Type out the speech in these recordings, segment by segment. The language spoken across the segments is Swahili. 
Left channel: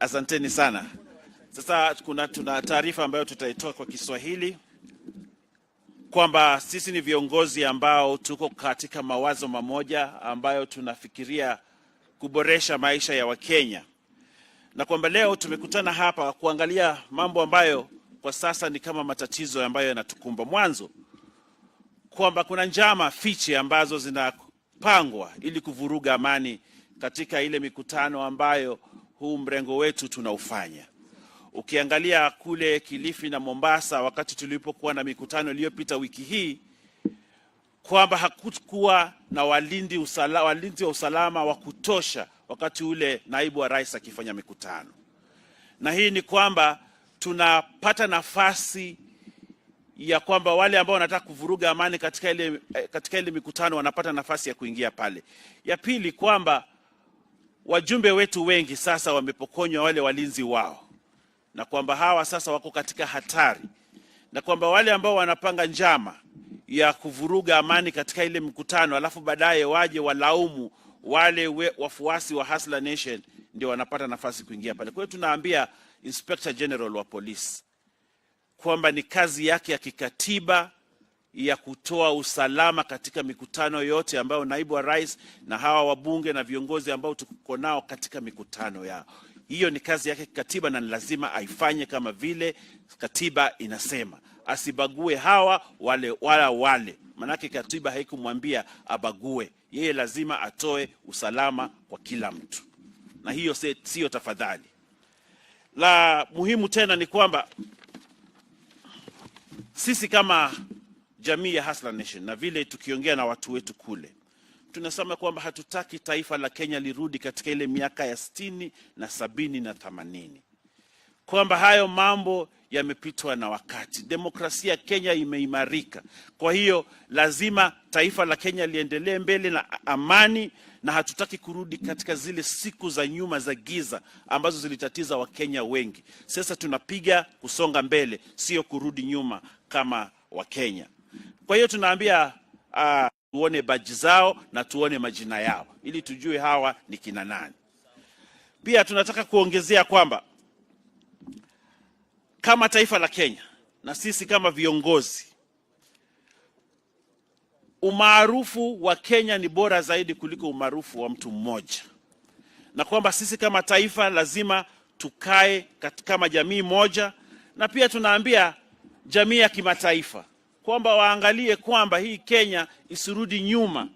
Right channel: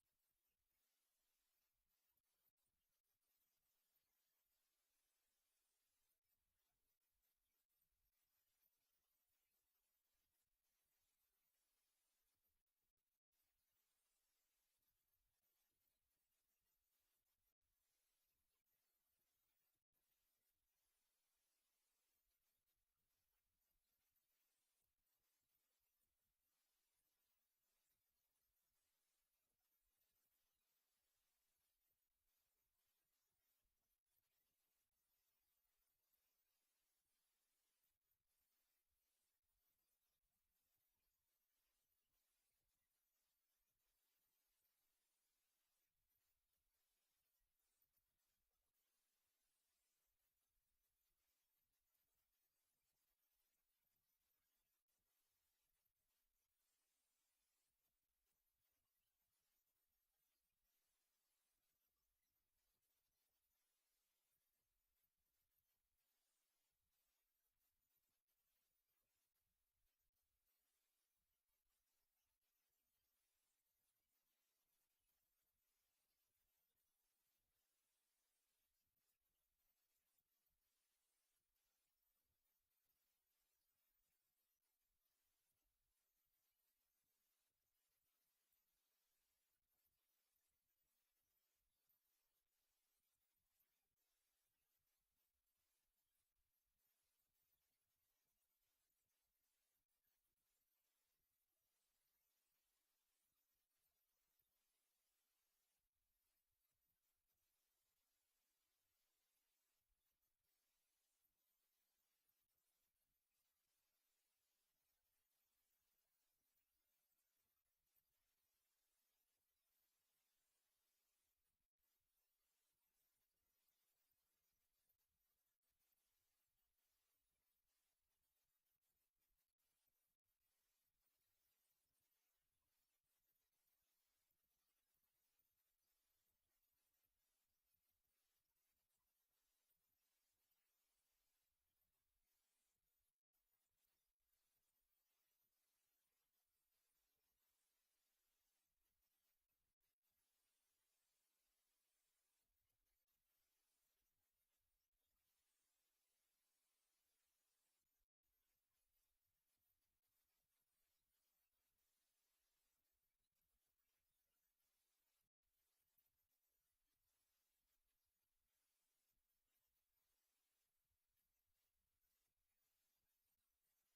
Asanteni sana. Sasa tuna taarifa ambayo tutaitoa kwa Kiswahili kwamba sisi ni viongozi ambao tuko katika mawazo mamoja ambayo tunafikiria kuboresha maisha ya Wakenya, na kwamba leo tumekutana hapa kuangalia mambo ambayo kwa sasa ni kama matatizo ambayo yanatukumba. Mwanzo, kwamba kuna njama fiche ambazo zinapangwa ili kuvuruga amani katika ile mikutano ambayo huu mrengo wetu tunaufanya. Ukiangalia kule Kilifi na Mombasa wakati tulipokuwa na mikutano iliyopita wiki hii, kwamba hakukuwa na walinzi wa usalama wa kutosha wakati ule naibu wa rais akifanya mikutano. Na hii ni kwamba tunapata nafasi ya kwamba wale ambao wanataka kuvuruga amani katika ile mikutano wanapata nafasi ya kuingia pale. Ya pili, kwamba wajumbe wetu wengi sasa wamepokonywa wale walinzi wao, na kwamba hawa sasa wako katika hatari, na kwamba wale ambao wanapanga njama ya kuvuruga amani katika ile mkutano alafu baadaye waje walaumu wale wafuasi wa Hustler Nation, ndio wanapata nafasi kuingia pale. Kwa hiyo tunaambia Inspector General wa polisi kwamba ni kazi yake ya kikatiba ya kutoa usalama katika mikutano yote ambayo naibu wa rais na hawa wabunge na viongozi ambao tuko nao katika mikutano yao. Hiyo ni kazi yake kikatiba na lazima aifanye kama vile katiba inasema. Asibague hawa wale. Manake katiba haikumwambia abague. Yeye lazima atoe usalama kwa kila mtu. Na hiyo sio tafadhali. La muhimu tena ni kwamba sisi kama jamii ya Hustler Nation na vile tukiongea na watu wetu kule, tunasema kwamba hatutaki taifa la Kenya lirudi katika ile miaka ya 60 na 70 na 80. Kwamba hayo mambo yamepitwa na wakati. Demokrasia Kenya imeimarika. Kwa hiyo lazima taifa la Kenya liendelee mbele na amani, na hatutaki kurudi katika zile siku za nyuma za giza ambazo zilitatiza Wakenya wengi. Sasa tunapiga kusonga mbele, sio kurudi nyuma kama Wakenya. Kwa hiyo tunaambia tuone baji zao na tuone majina yao ili tujue hawa ni kina nani. Pia tunataka kuongezea kwamba kama taifa la Kenya na sisi kama viongozi, umaarufu wa Kenya ni bora zaidi kuliko umaarufu wa mtu mmoja, na kwamba sisi kama taifa lazima tukae kama jamii moja. Na pia tunaambia jamii ya kimataifa kwamba waangalie kwamba hii Kenya isirudi nyuma,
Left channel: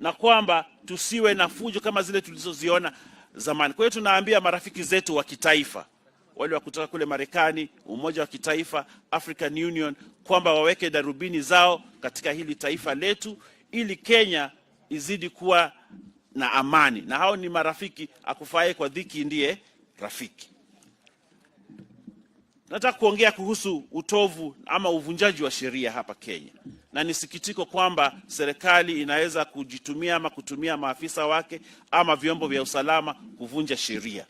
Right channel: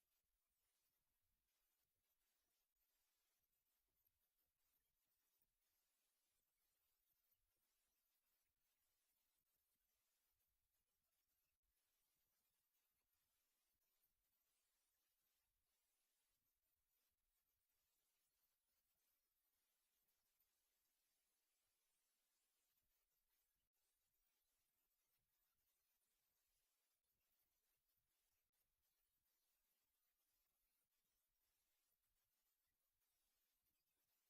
na kwamba tusiwe na fujo kama zile tulizoziona zamani. Kwa hiyo tunaambia marafiki zetu wa kitaifa, wale wa kutoka kule Marekani, Umoja wa Kitaifa, African Union, kwamba waweke darubini zao katika hili taifa letu ili Kenya izidi kuwa na amani. Na hao ni marafiki, akufaye kwa dhiki ndiye rafiki. Nataka kuongea kuhusu utovu ama uvunjaji wa sheria hapa Kenya. Na nisikitiko kwamba serikali inaweza kujitumia ama kutumia maafisa wake ama vyombo vya usalama kuvunja sheria.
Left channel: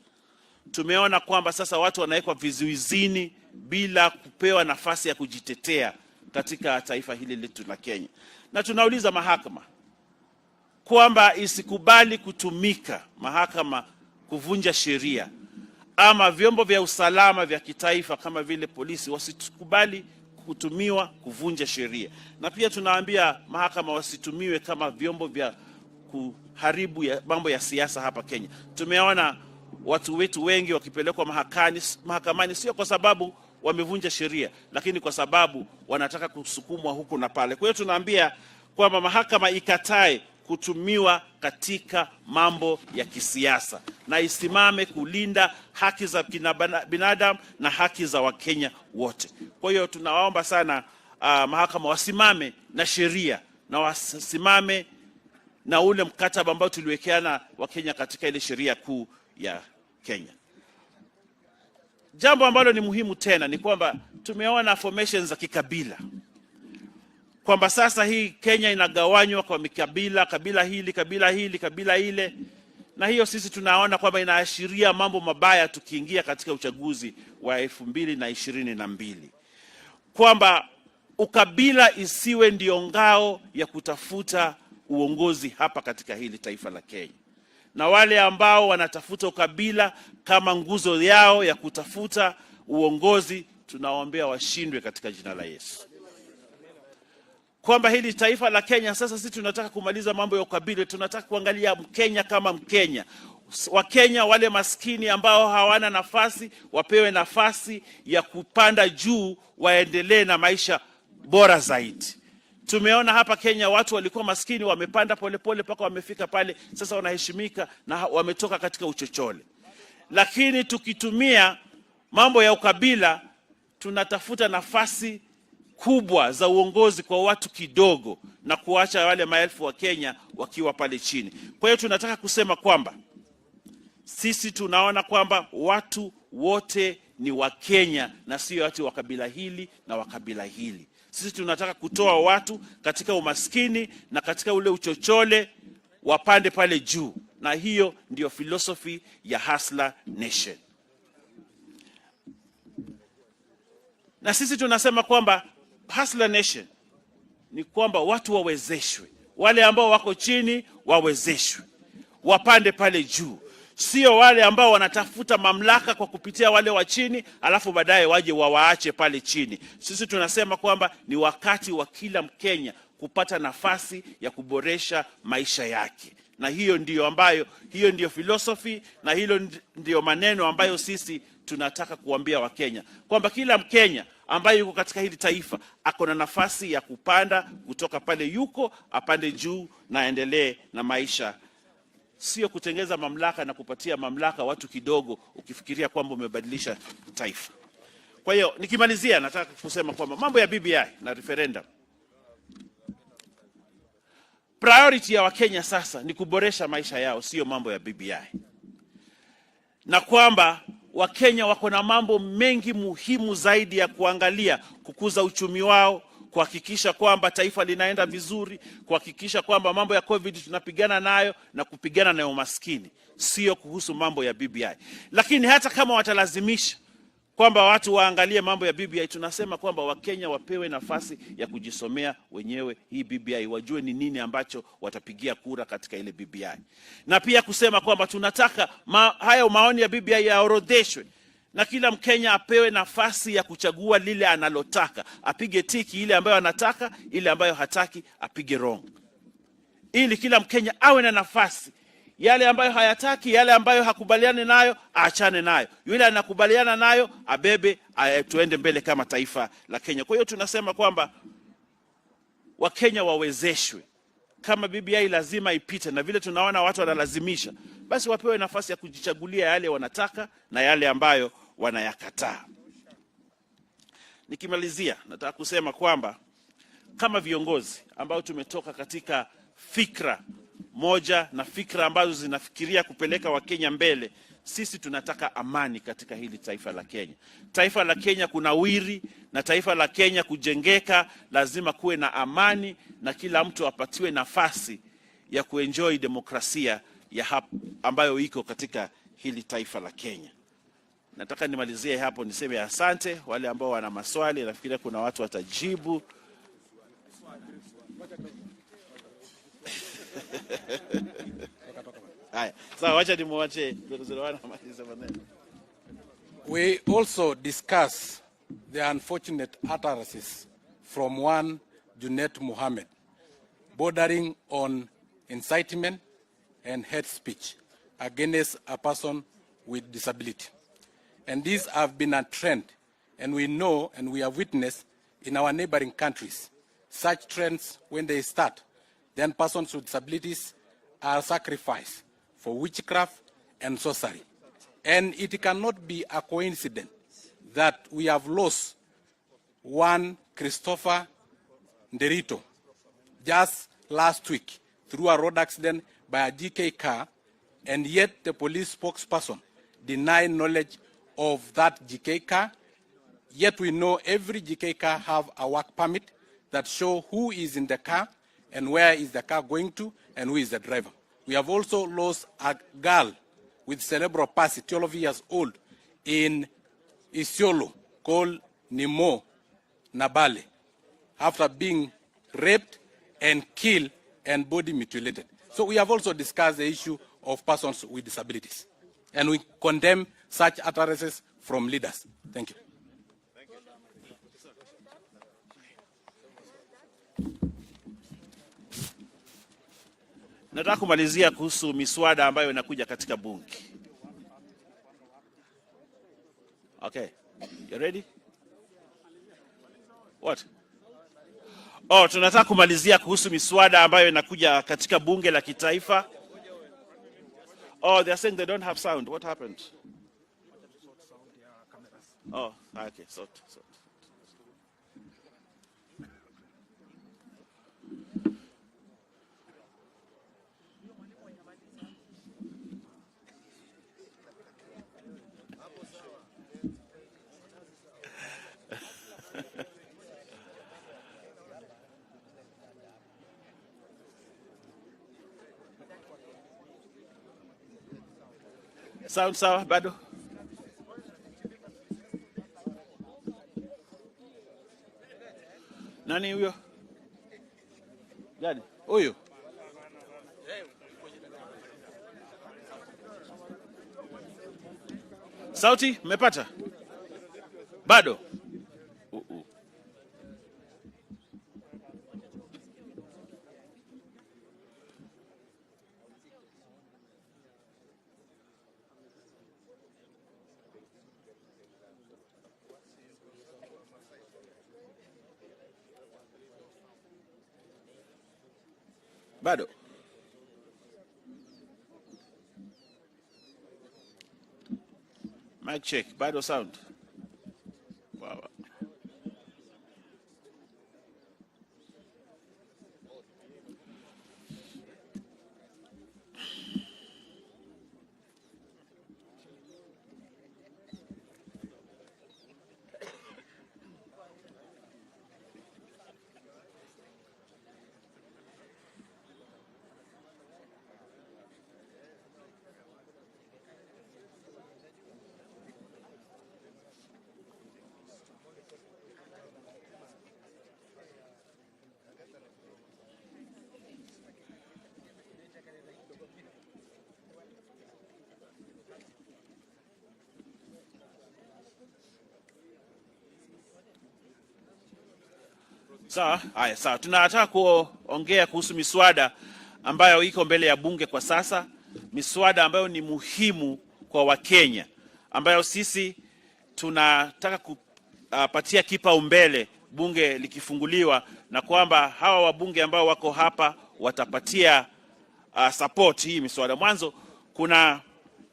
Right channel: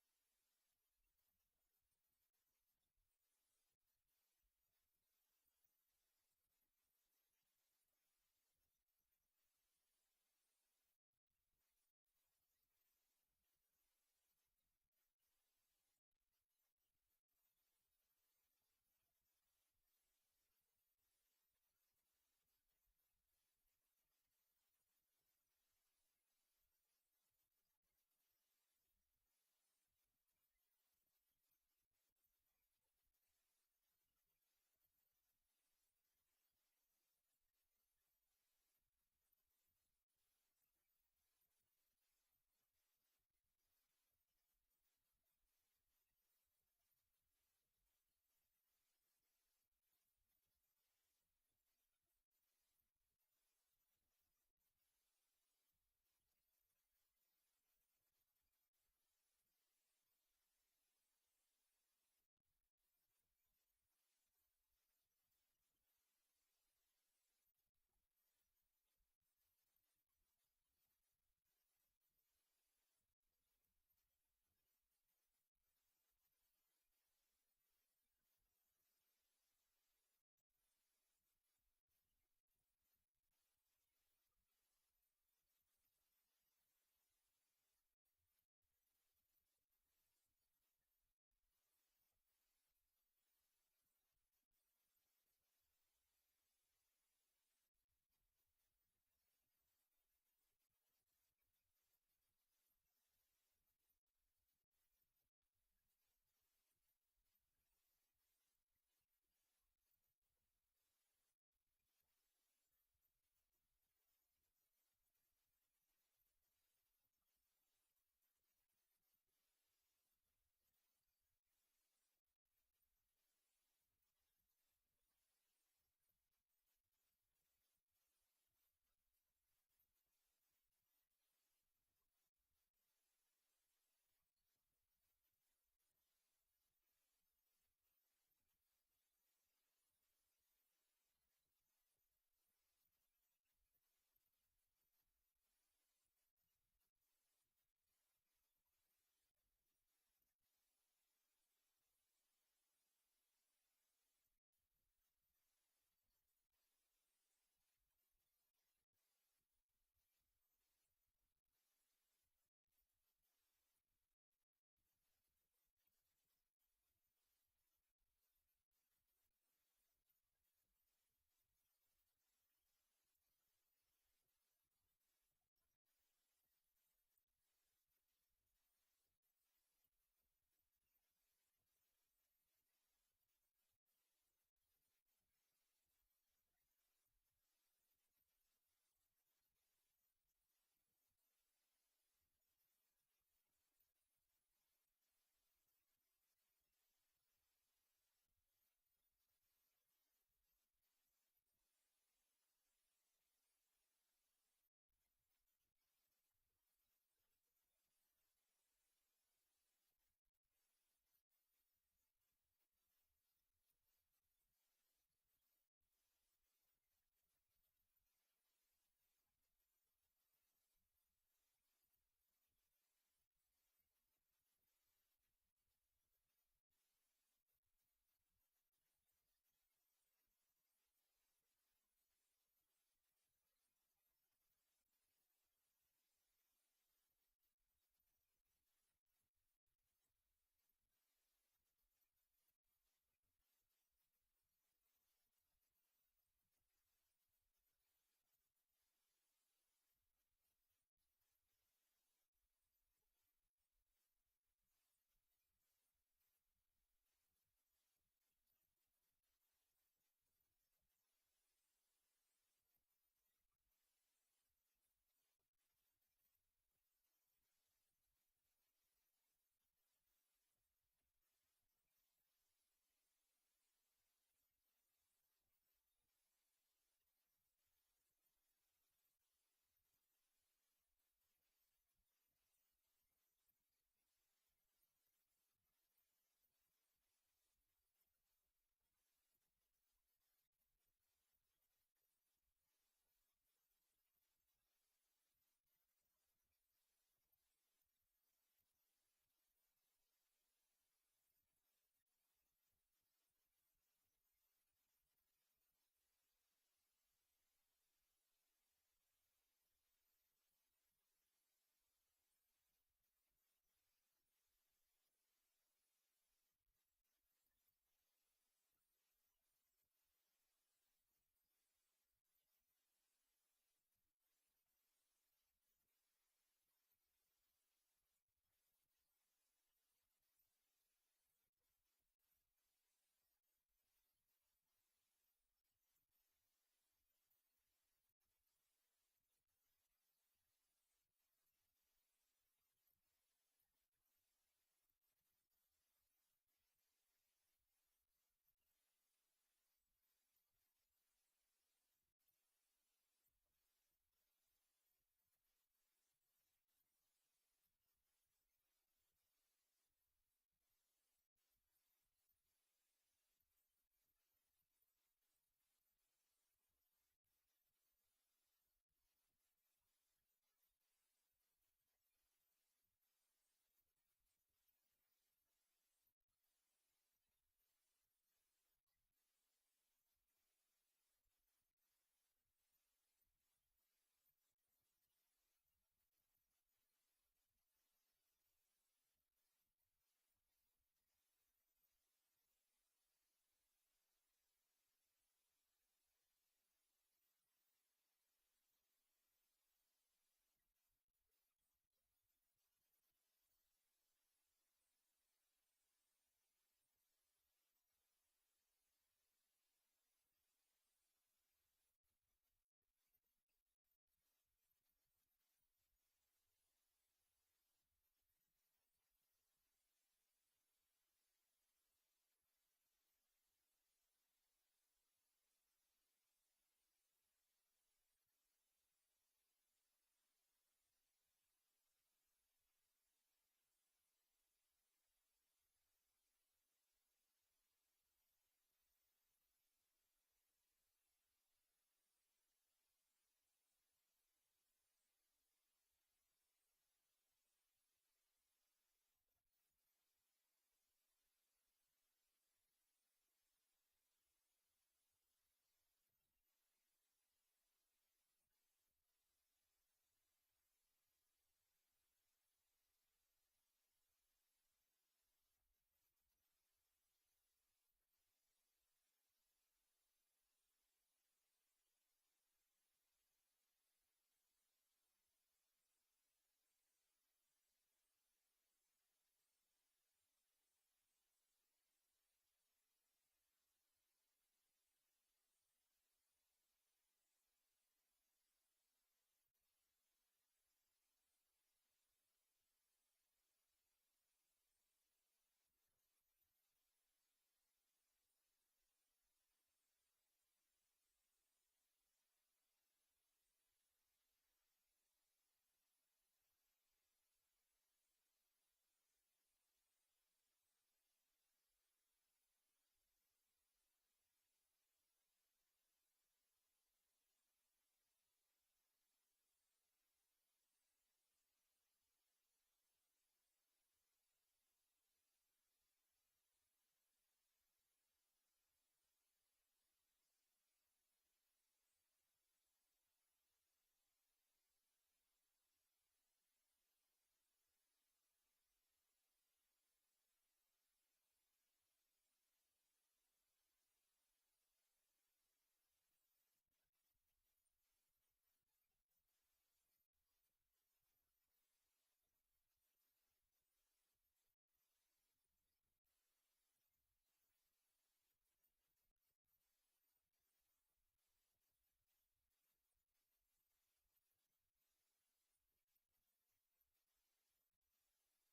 Tumeona kwamba sasa watu wanawekwa vizuizini bila kupewa nafasi ya kujitetea katika taifa hili letu la Kenya. Na tunauliza mahakama kwamba isikubali kutumika mahakama kuvunja sheria, ama vyombo vya usalama vya kitaifa kama vile polisi wasikubali kutumiwa kuvunja sheria. Na pia tunaambia mahakama wasitumiwe kama vyombo vya kuharibu mambo ya siasa hapa Kenya. Tumeona watu wetu wengi wakipelekwa mahakamani sio kwa sababu wamevunja sheria, lakini kwa sababu wanataka kusukumwa huku na pale. Kwa hiyo tunaambia kwamba mahakama ikatae kutumiwa katika mambo ya kisiasa na isimame kulinda haki za binadamu na haki za Wakenya wote. Kwa hiyo tunawaomba sana mahakama wasimame na sheria na wasimame na ule mkataba ambao tuliwekeana Wakenya katika ile sheria kuu ya Kenya. Jambo ambalo ni muhimu tena ni kwamba tumeona formations za kikabila, kwamba sasa hii Kenya inagawanywa kwa mikabila, kabila hili, kabila ile. Na hiyo sisi tunaona kwamba inaashiria mambo mabaya tukiingia katika uchaguzi wa 2022. Kwamba ukabila isiwe ndio ngao ya kutafuta uongozi hapa katika hili taifa la Kenya. na wale ambao wanatafuta ukabila kama nguzo yao ya kutafuta uongozi, tunawaombea washindwe katika jina la Yesu. Kwamba hili taifa la Kenya sasa, sisi tunataka kumaliza mambo ya ukabila, tunataka kuangalia Mkenya kama Mkenya. Wakenya wale maskini ambao hawana nafasi wapewe nafasi ya kupanda juu, waendelee na maisha bora zaidi. Tumeona hapa Kenya watu walikuwa maskini wamepanda polepole mpaka wamefika pale sasa wanaheshimika na wametoka katika uchochole. Lakini tukitumia mambo ya ukabila, tunatafuta nafasi kubwa za uongozi kwa watu kidogo na kuacha wale maelfu wa Kenya wakiwa pale chini. Kwa hiyo tunataka kusema kwamba sisi tunaona kwamba watu wote ni wa Kenya na sio watu wa kabila hili na wa kabila hili. Sisi tunataka kutoa watu katika umaskini na katika ule uchochole wapande pale juu, na hiyo ndio philosophy ya Hustler Nation. Na sisi tunasema kwamba Hustler Nation ni kwamba watu wawezeshwe, wale ambao wako chini wawezeshwe, wapande pale juu. Sio wale ambao wanatafuta mamlaka kwa kupitia wale wa chini alafu baadaye waje wawaache pale chini. Sisi tunasema kwamba ni wakati wa kila Mkenya kupata nafasi ya kuboresha maisha yake. Na hiyo ndio philosophy, na hilo ndio maneno ambayo sisi tunataka kuambia Wakenya, kwamba kila Mkenya ambaye yuko katika hili taifa ako na nafasi ya kupanda kutoka pale yuko apande juu na endelee na maisha. Sio kutengeza mamlaka na kupatia mamlaka watu kidogo ukifikiria kwamba umebadilisha taifa. Kwa hiyo nikimalizia, nataka kusema kwamba mambo ya BBI na referendum, priority ya Wakenya sasa ni kuboresha maisha yao, sio mambo ya BBI. Na kwamba Wakenya wako na mambo mengi muhimu zaidi ya kuangalia: kukuza uchumi wao, kuhakikisha kwamba taifa linaenda vizuri, kuhakikisha kwamba mambo ya COVID tunapigana nayo na kupigana na umaskini, sio kuhusu mambo ya BBI. Lakini hata kama watalazimisha kwamba watu waangalie mambo ya BBI, tunasema kwamba Wakenya wapewe nafasi ya kujisomea wenyewe hii BBI, wajue ni nini ambacho watapigia kura katika ile BBI. Na pia kusema kwamba tunataka hayo maoni ya BBI yaorodheshwe na kila Mkenya apewe nafasi ya kuchagua lile analotaka, apige tiki ile ambayo anataka, ile ambayo hataki apige wrong, ili kila Mkenya awe na nafasi. Yale ambayo hayataki, yale ambayo hakubaliani nayo aachane nayo, yule anakubaliana nayo abebe, tuende mbele kama taifa la Kenya. Kwa hiyo tunasema kwamba Wakenya wawezeshwe. Kama BBI lazima ipite, na vile tunaona watu wanalazimisha, basi wapewe nafasi ya kujichagulia yale wanataka na yale ambayo wanayakataa. Nikimalizia, nataka kusema kwamba kama viongozi ambao tumetoka katika fikra moja na fikra ambazo zinafikiria kupeleka Wakenya mbele, sisi tunataka amani katika hili taifa la Kenya. Taifa la Kenya kunawiri na taifa la Kenya kujengeka, lazima kuwe na amani na kila mtu apatiwe nafasi ya kuenjoy demokrasia ya ambayo iko katika hili taifa la Kenya. Nataka nimalizie hapo, niseme asante. Wale ambao wana maswali, nafikiri kuna watu watajibu. We also discuss the unfortunate utterances from one Junet Mohammed, bordering on incitement and hate speech against a person with disability. And these have been a trend, and we know and we have witnessed in our neighboring countries. Such trends, when they start, then persons with disabilities are sacrificed for witchcraft and sorcery. And it cannot be a coincidence that we have lost one Christopher Nderito just last week through a road accident by a GK car, and yet the police spokesperson denied knowledge of that GK car. Yet we know every GK car have a work permit that show who is in the car and where is the car going to and who is the driver. We have also lost a girl with cerebral palsy, 12 years old, in Isiolo, called Nimo Nabale, after being raped and killed and body mutilated. So we have also discussed the issue of persons with disabilities. And we condemn such utterances from leaders. Thank you. Nataka kumalizia kuhusu miswada ambayo inakuja katika bunge. Okay. You ready? What? Oh, tunataka kumalizia kuhusu miswada ambayo inakuja katika bunge la kitaifa. Oh, they are saying they don't have sound. What happened? Oh, okay. Sort. Sound sawa bado? Nani huyo? Gani? Huyo. Sauti mmepata? Bado? Bado? Mic check. Bado sound. Wow. Sawa, haya sawa. Tunataka kuongea kuhusu miswada ambayo iko mbele ya bunge kwa sasa, miswada ambayo ni muhimu kwa Wakenya, ambayo sisi tunataka kupatia kipaumbele bunge likifunguliwa, na kwamba hawa wabunge ambao wako hapa watapatia support hii miswada. Mwanzo kuna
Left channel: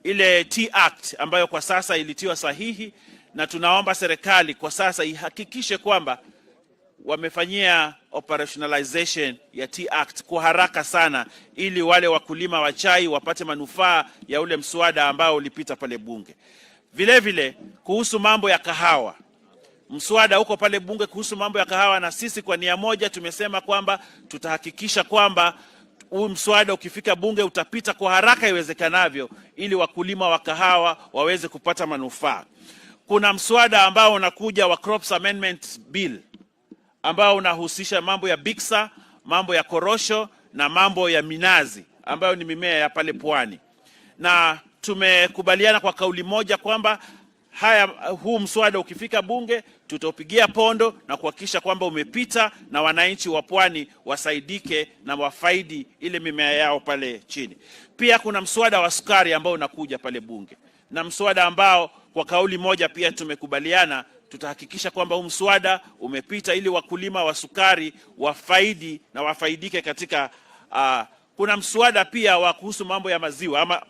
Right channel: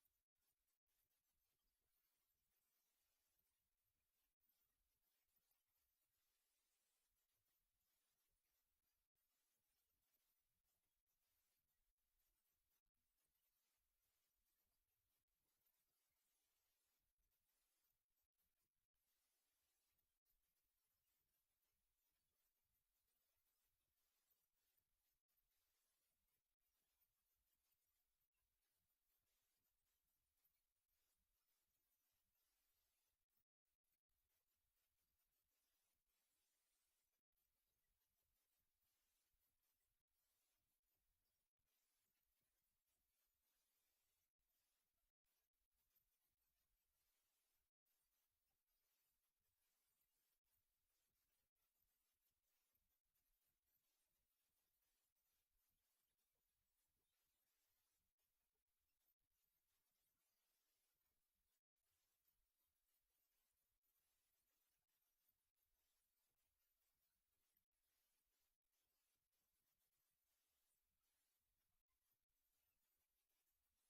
ile T-Act ambayo kwa sasa ilitiwa sahihi, na tunaomba serikali kwa sasa ihakikishe kwamba wamefanyia operationalization ya T-Act kwa haraka sana, ili wale wakulima wa chai wapate manufaa ya ule mswada ambao ulipita pale bunge. Vile vile kuhusu mambo ya kahawa, mswada uko pale bunge kuhusu mambo ya kahawa, na sisi kwa nia moja tumesema kwamba tutahakikisha kwamba huu mswada ukifika bunge utapita kwa haraka iwezekanavyo, ili wakulima wa kahawa waweze kupata manufaa. Kuna mswada ambao unakuja wa Crops Amendment Bill ambao unahusisha mambo ya biksa, mambo ya korosho na mambo ya minazi ambayo ni mimea ya pale pwani. Na tumekubaliana kwa kauli moja kwamba huu mswada ukifika bunge tutaupigia pondo na kuhakikisha kwamba umepita na wananchi wa pwani wasaidike na wafaidi ile mimea yao pale chini. Pia kuna mswada wa sukari ambao unakuja pale bunge, na mswada ambao kwa kauli moja pia tumekubaliana tutahakikisha kwamba huu mswada umepita ili wakulima wa sukari wafaidi na wafaidike katika kuna mswada pia wa kuhusu mambo ya maziwa ama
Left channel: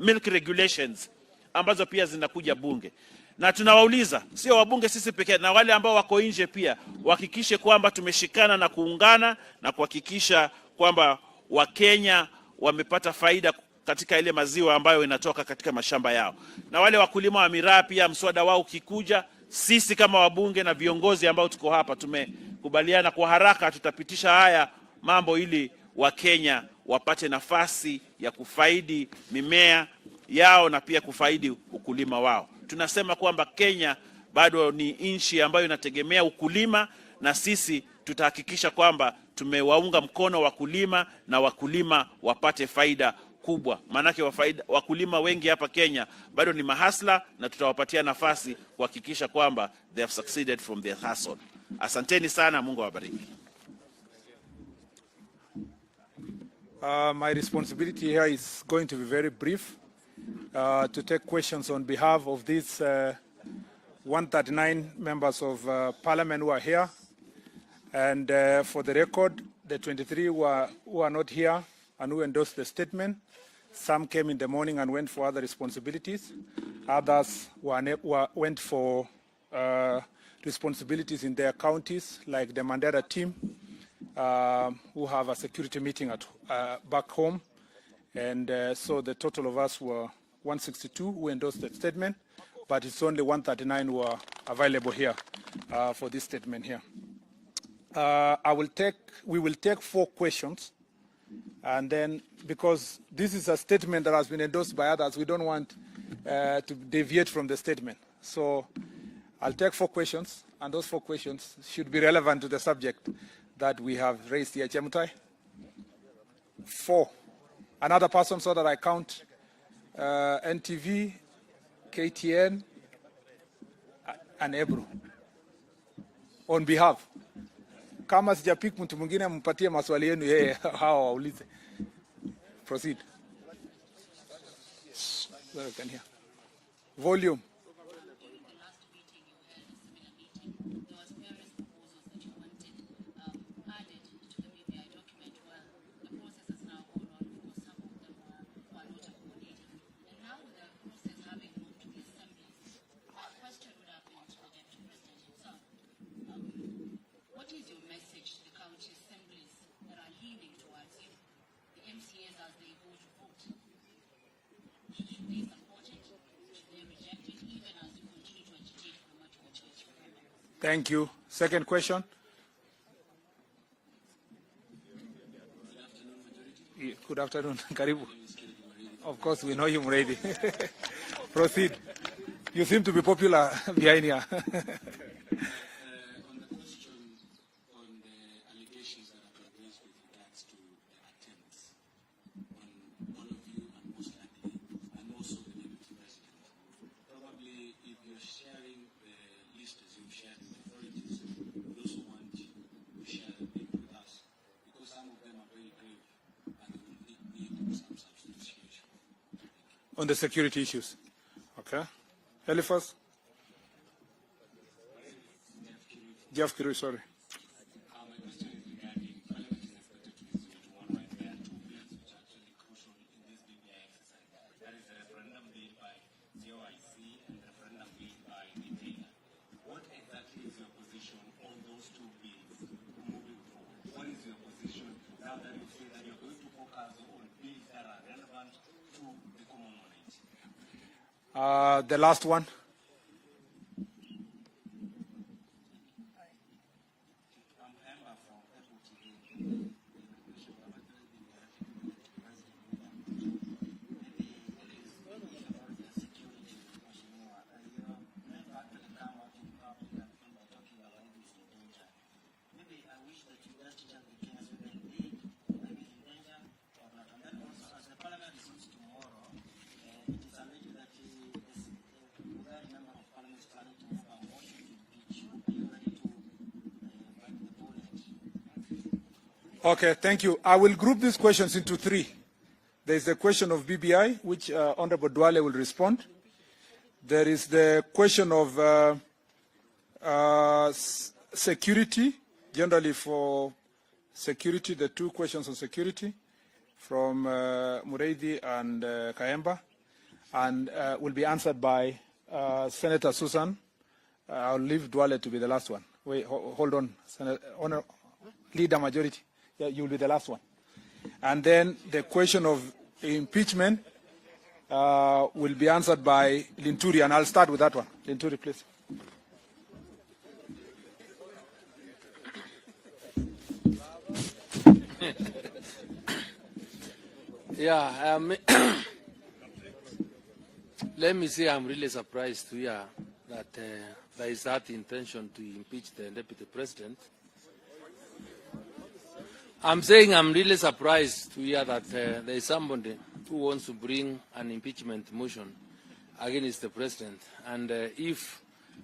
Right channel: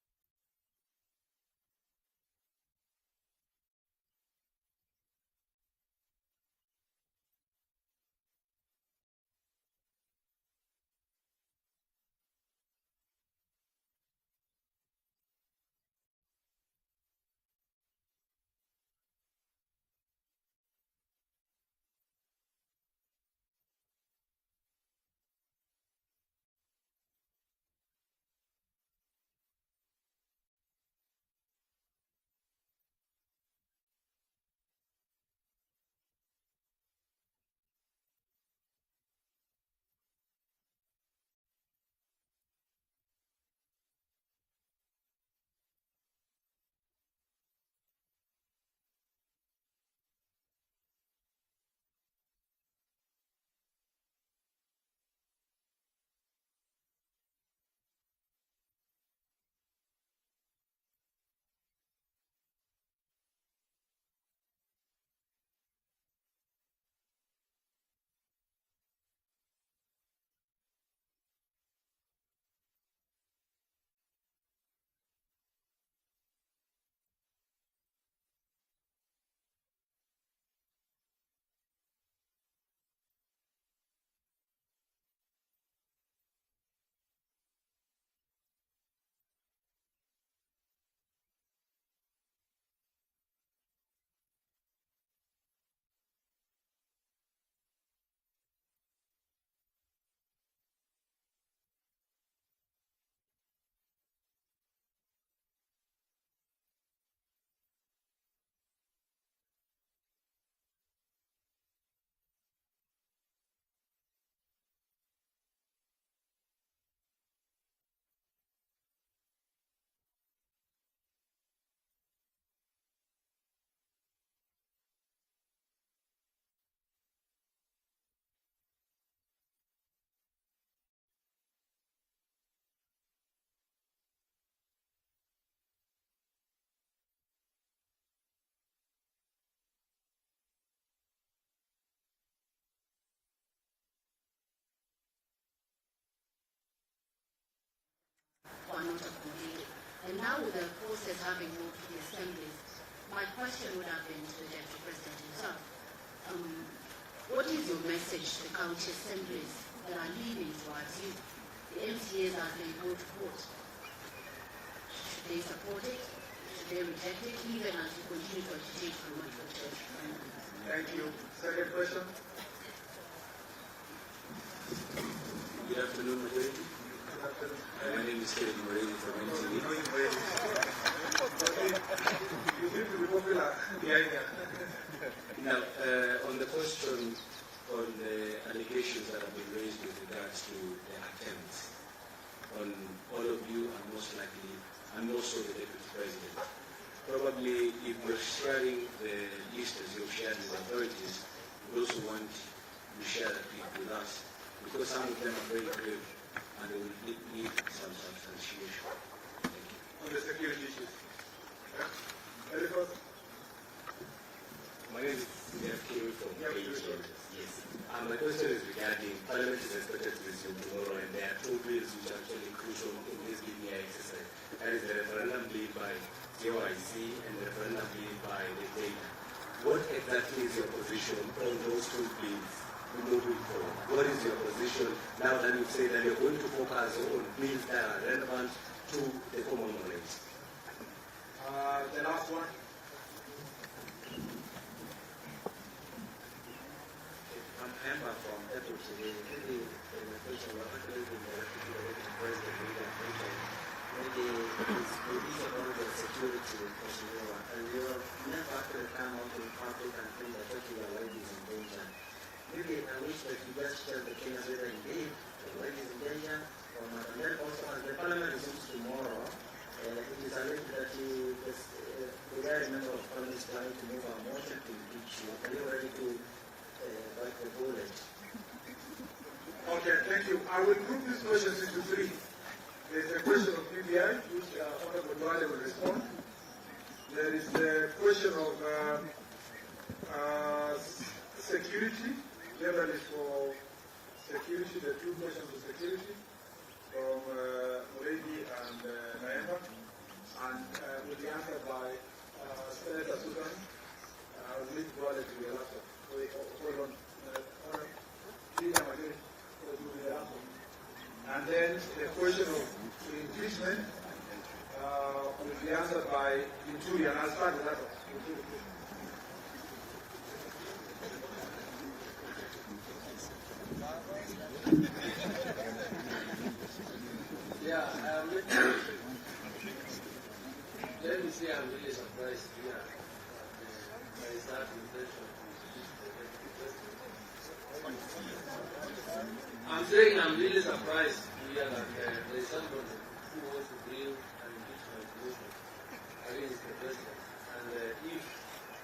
milk regulations ambazo pia zinakuja bunge. Na tunawauliza sio wabunge sisi pekee, na wale ambao wako nje pia wahakikishe kwamba tumeshikana na kuungana na kuhakikisha kwamba Wakenya wamepata faida katika ile maziwa ambayo inatoka katika mashamba yao. Na wale wakulima wa miraa pia mswada wao ukikuja, sisi kama wabunge na viongozi ambao tuko hapa tumekubaliana kwa haraka tutapitisha haya mambo ili Wakenya wapate nafasi ya kufaidi mimea yao na pia kufaidi ukulima wao. Tunasema kwamba Kenya bado ni nchi ambayo inategemea ukulima, na sisi tutahakikisha kwamba tumewaunga mkono wakulima na wakulima wapate faida kubwa, maanake wakulima wengi hapa Kenya bado ni mahasla, na tutawapatia nafasi kuhakikisha kwamba they have succeeded from their hustle. Asanteni sana, Mungu awabariki. My responsibility here is going to be very brief, to take questions on behalf of these 139 members of parliament who are here. And for the record, the 23 who are not here and who endorsed the statement, some came in the morning and went for other responsibilities. Others went for responsibilities in their counties, like the Mandera team, who have a security meeting at back home. And so the total of us were 162 who endorsed the statement, but it's only 139 who are available here for this statement here. We will take 4 questions, and then because this is a statement that has been endorsed by others, we don't want to deviate from the statement. So I'll take 4 questions, and those 4 questions should be relevant to the subject that we have raised here. Chemutai? 4. Another person, so that I count NTV, KTN, and Ebru. On behalf. Kama sijapik mtu mwingine mpatie maswali yenu yeye hawa waulize. Proceed. Well, can hear. Volume. And now with the process having moved to the assemblies, my question would have been to the Deputy President himself. What is your message to the county assemblies that are leaning towards you, the MCAs as they go to court? Should they support it? Should they reject it, even as you continue to agitate for much for church? Thank you. Second question. Good afternoon, Majority. Good afternoon. Karibu. My name is Kieleweke. Of course, we know you, Muredi. Proceed. You seem to be popular behind here. Now, on the question on the allegations that have been raised with regards to the attempts on all of you, and most likely, and also the Deputy President, probably if we're sharing the list as you've shared with authorities, we also want to share that with us, because some of them are very clear and they will need some substantiation. Thank you. On the security issues. Okay. Eliphas? My name is Jeff Kirui, sorry. Yes. My question is regarding Parliament is expected to resume tomorrow, and there are 2 bills which are actually crucial in this BBI exercise. That is the referendum bill by JYC and the referendum bill by the data. What exactly is your position on those 2 bills moving forward? What is your position now that you say that you're going to focus on bills that are relevant to the common knowledge? The last one. Okay, thank you. I will group these questions into 3. There is the question of BBI, which Honorable Duale will respond. There is the question of security, generally for security, the 2 questions on security from Muredi and Kayemba, and will be answered by Senator Susan. I'll leave Duale to be the last one. Wait, hold on. Senator, Leader Majority. Yeah, you'll be the last one. And then the question of impeachment will be answered by Linturi, and I'll start with that one. Linturi, please. Yeah, let me say I'm really surprised to hear that there is that intention to impeach the Deputy President. I'm saying I'm really surprised to hear that there is somebody who wants to bring an impeachment motion against the president. And if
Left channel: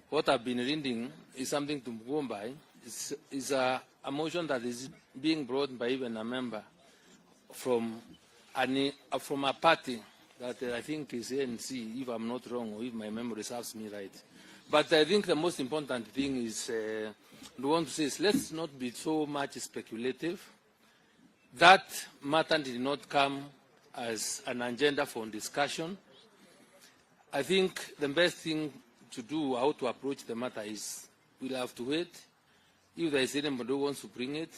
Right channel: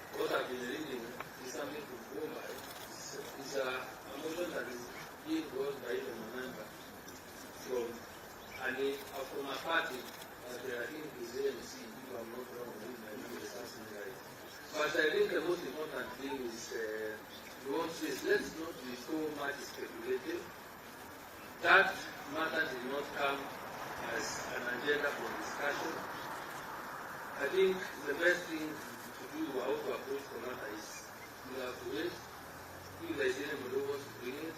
what I've been reading is something to go by, is a motion that is being brought by even a member from a party that I think is ANC, if I'm not wrong, if my memory serves me right. But I think the most important thing is, we want to say is let's not be so much speculative. That matter did not come as an agenda for discussion. I think the best thing to do, how to approach the matter is we'll have to wait. If there is anybody who wants to bring it,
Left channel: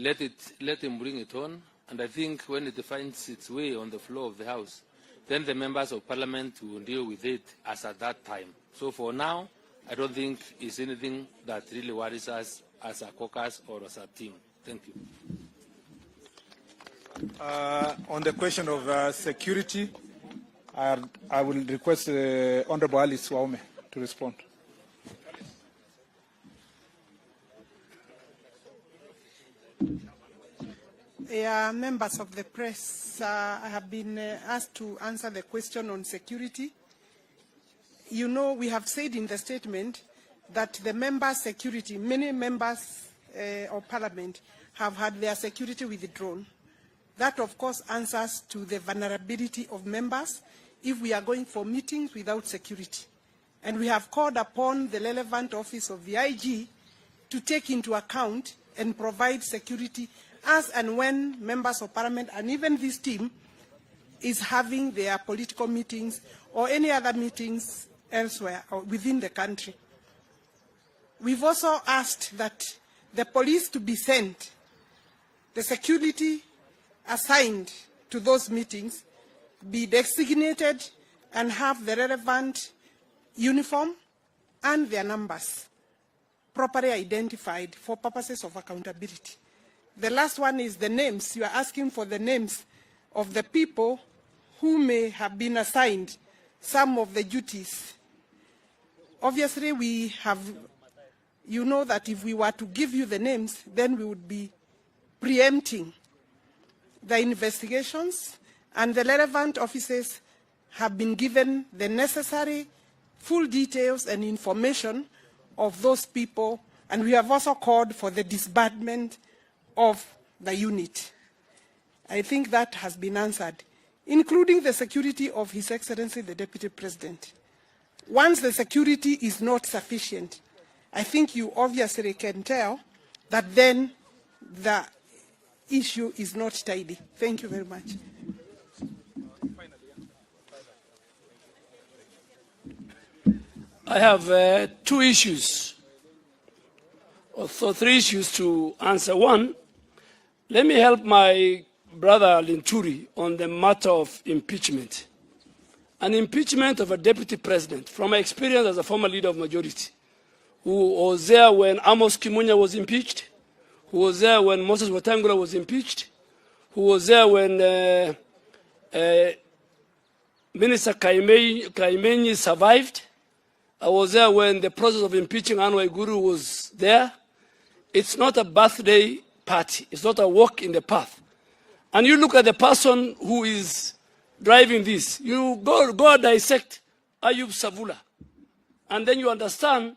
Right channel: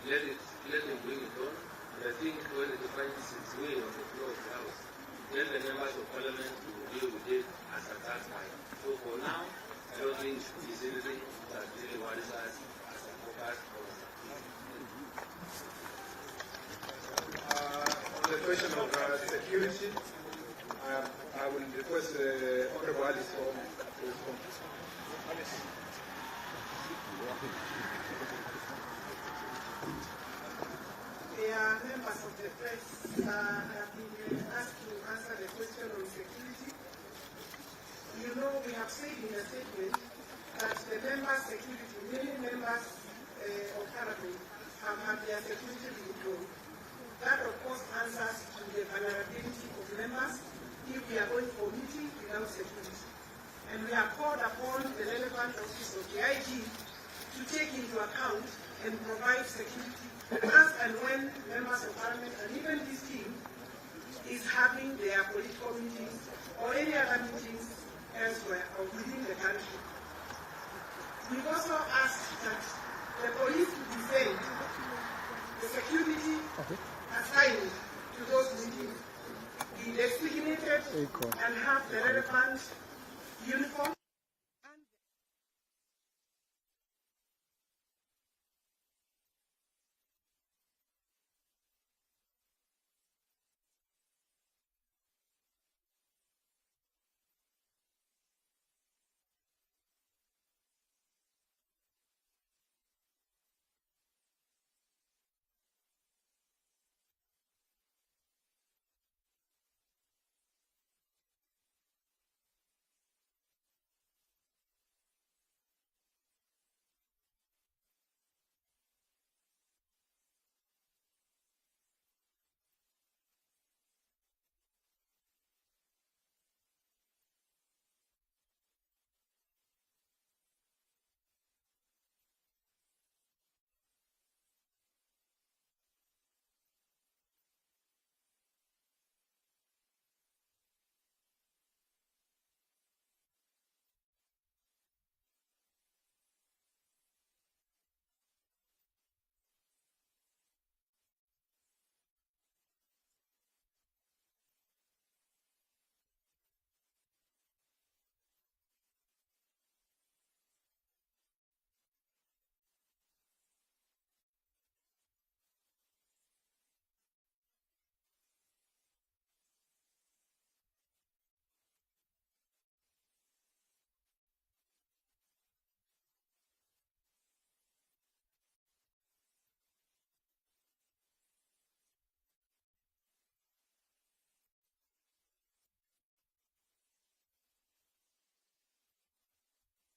let him bring it on. And I think when it finds its way on the floor of the House, then the members of Parliament will deal with it as at that time. So for now, I don't think it's anything that really worries us as a caucus or as a team. Thank you. On the question of security, I will request Honorable Alice Waume to respond. Members of the press, I have been asked to answer the question on security. You know, we have said in the statement that the members' security, many members of Parliament have had their security withdrawn. That, of course, answers to the vulnerability of members if we are going for meetings without security. And we have called upon the relevant office of the IG to take into account and provide security as and when members of Parliament and even this team is having their political meetings or any other meetings elsewhere or within the country. We've also asked that the police to be sent, the security assigned to those meetings be designated and have the relevant uniform and their numbers properly identified for purposes of accountability. The last one is the names. You are asking for the names of the people who may have been assigned some of the duties. Obviously, we have, you know that if we were to give you the names, then we would be preempting the investigations, and the relevant officers have been given the necessary full details and information of those people, and we have also called for the disbandment of the unit. I think that has been answered, including the security of His Excellency the Deputy President. Once the security is not sufficient, I think you obviously can tell that then the issue is not tidy. Thank you very much. I have two issues, or three issues to answer. One, let me help my brother Linturi on the matter of impeachment. An impeachment of a deputy president, from my experience as a former leader of majority, who was there when Amos Kimunya was impeached, who was there when Moses Wetangula was impeached, who was there when Minister Kaimenyi survived. I was there when the process of impeaching Anne Waiguru was there. It's not a birthday party. It's not a walk in the path. And you look at the person who is driving this. You go dissect Ayub Savula. And then you understand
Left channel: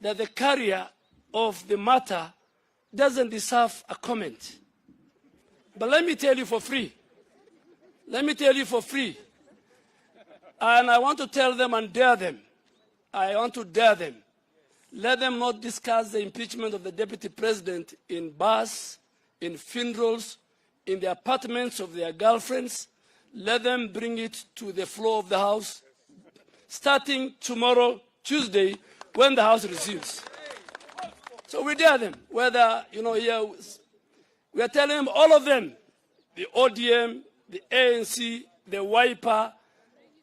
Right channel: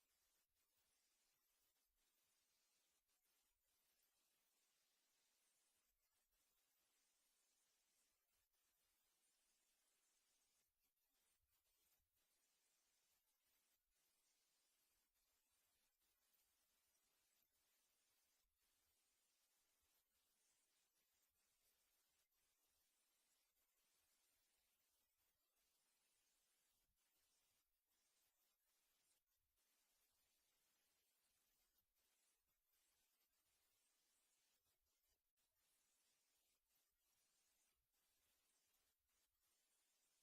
that the carrier of the matter doesn't deserve a comment. But let me tell you for free. Let me tell you for free. And I want to tell them and dare them. I want to dare them. Let them not discuss the impeachment of the deputy president in bars, in funerals, in the apartments of their girlfriends. Let them bring it to the floor of the House, starting tomorrow, Tuesday, when the House resumes. So we dare them, whether, here, we are telling them, all of them, the ODM, the ANC, the Wiper,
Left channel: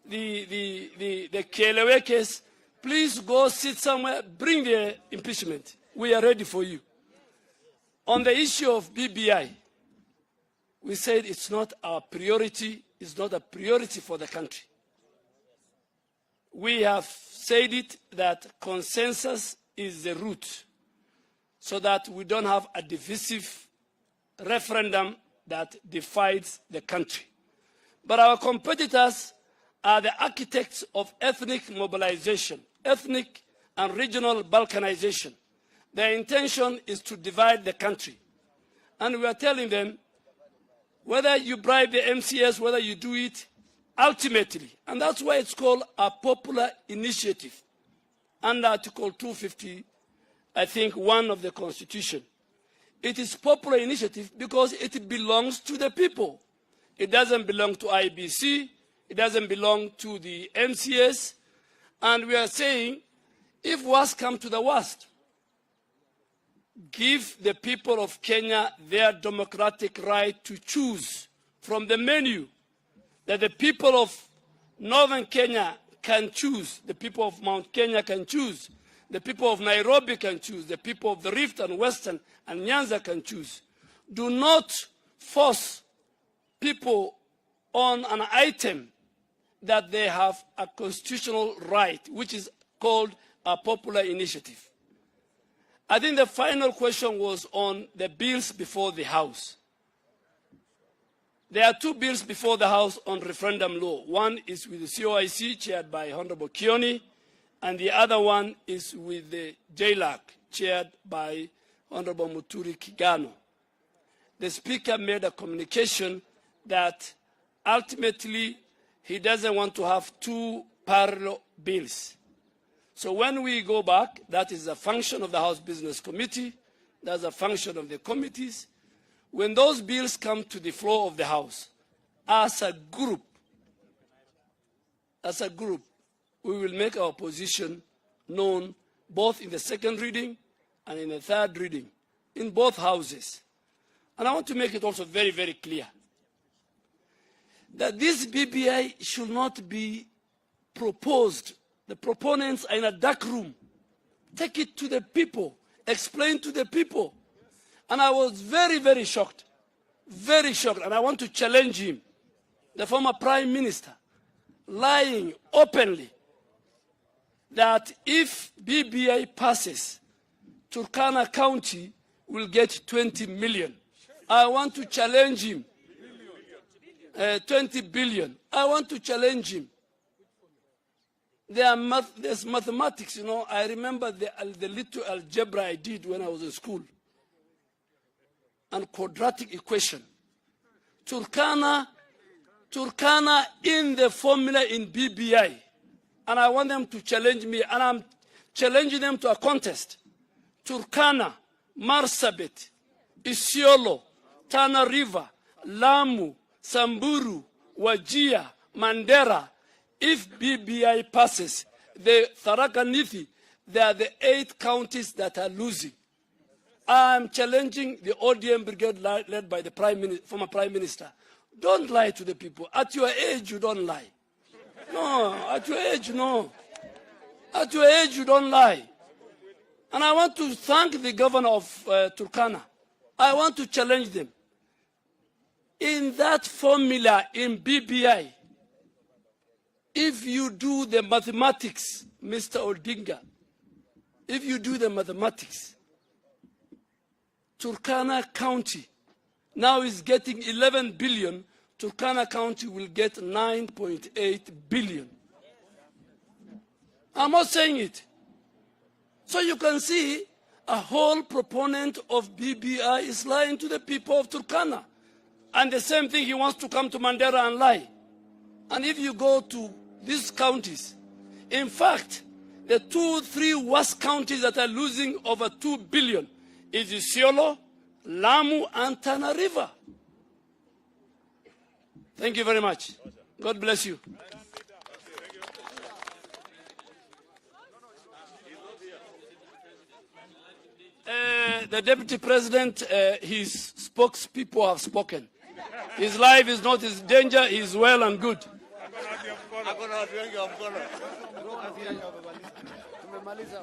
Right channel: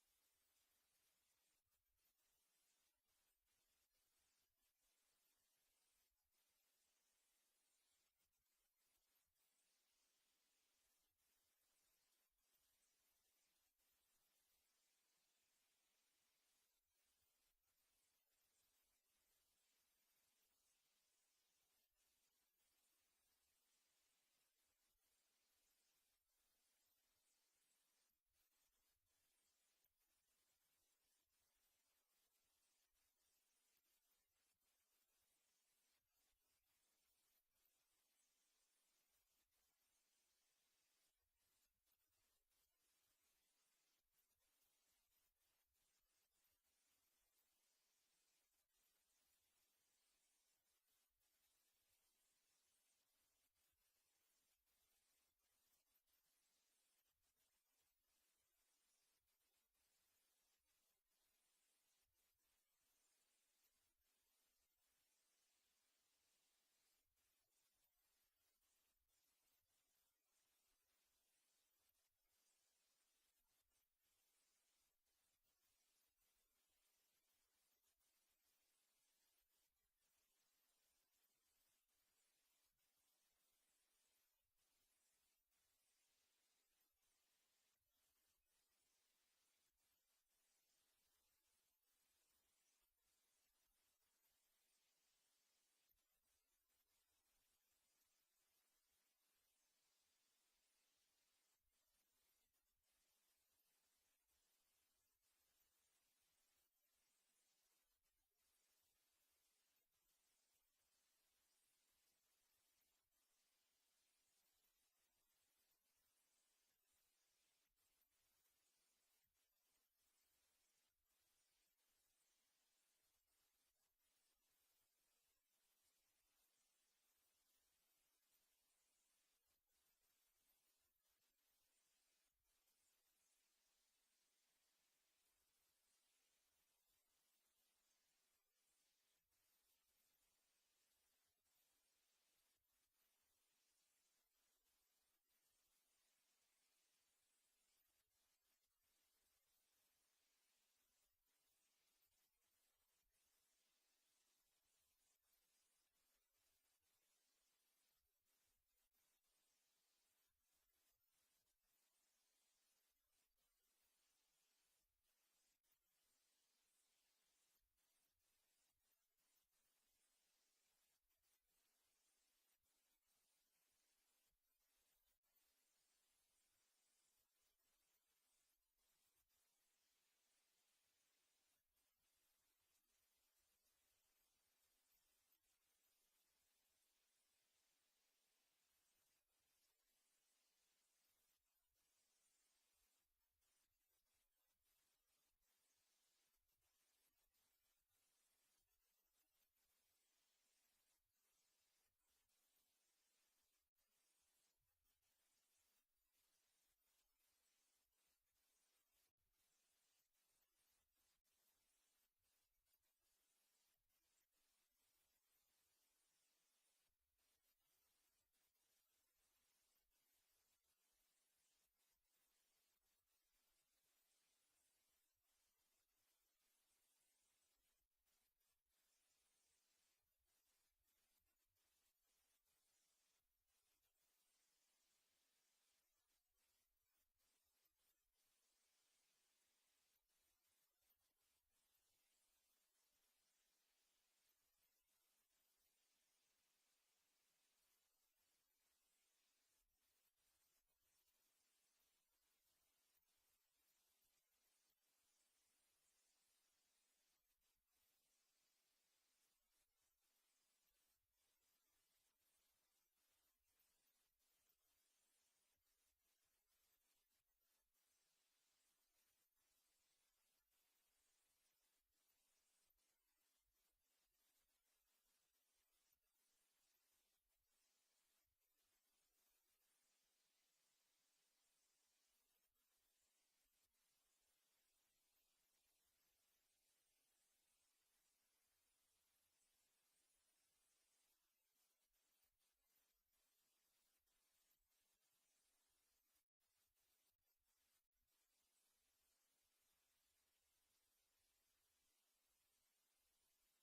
the Kielewekes, please go sit somewhere, bring the impeachment. We are ready for you. On the issue of BBI, we said it's not our priority, it's not a priority for the country. We have said it that consensus is the root, so that we don't have a divisive referendum that divides the country. But our competitors are the architects of ethnic mobilization, ethnic and regional balkanization. Their intention is to divide the country. And we are telling them, whether you bribe the MCS, whether you do it, ultimately, and that's why it's called a popular initiative, under Article 250, I think, 1 of the Constitution. It is popular initiative because it belongs to the people. It doesn't belong to IBC, it doesn't belong to the MCS, and we are saying, if worst comes to the worst, give the people of Kenya their democratic right to choose from the menu that the people of northern Kenya can choose, the people of Mount Kenya can choose, the people of Nairobi can choose, the people of the Rift and Western and Nyanza can choose. Do not force people on an item that they have a constitutional right, which is called a popular initiative. I think the final question was on the bills before the House. There are two bills before the House on referendum law. One is with the COIC, chaired by Honorable Kioni, and the other one is with the JLAC, chaired by Honorable Muturi Kigano. The Speaker made a communication that ultimately he doesn't want to have two parallel bills. So when we go back, that is a function of the House Business Committee, that's a function of the committees. When those bills come to the floor of the House, as a group, we will make our position known both in the second reading and in the third reading, in both houses. And I want to make it also very, very clear that this BBI should not be proposed. The proponents are in a dark room. Take it to the people. Explain to the people. And I was very, very shocked. Very shocked. And I want to challenge him, the former Prime Minister, lying openly that if BBI passes, Turkana County will get 20 million. I want to challenge him. 20 billion. I want to challenge him. There's mathematics, you know. I remember the little algebra I did when I was in school. And quadratic equation. Turkana in the formula in BBI. And I want them to challenge me. And I'm challenging them to a contest. Turkana, Marsabit, Isiolo, Tana River, Lamu, Samburu, Wajir, Mandera. If BBI passes, the Tharaka Nithi, they are the 8 counties that are losing. I'm challenging the ODM brigade led by the former Prime Minister. Don't lie to the people. At your age, you don't lie. No, at your age, no. At your age, you don't lie. And I want to thank the governor of Turkana. I want to challenge them. In that formula in BBI, if you do the mathematics, Mr. Odinga, if you do the mathematics, Turkana County now is getting 11 billion, Turkana County will get 9.8 billion. I'm not saying it. So you can see a whole proponent of BBI is lying to the people of Turkana. And the same thing, he wants to come to Mandera and lie. And if you go to these counties, in fact, the 2-3 worst counties that are losing over 2 billion is Isiolo, Lamu, and Tana River. Thank you very much. God bless you. The Deputy President, his spokespeople have spoken. His life is not his danger, he is well and good. Tumemaliza.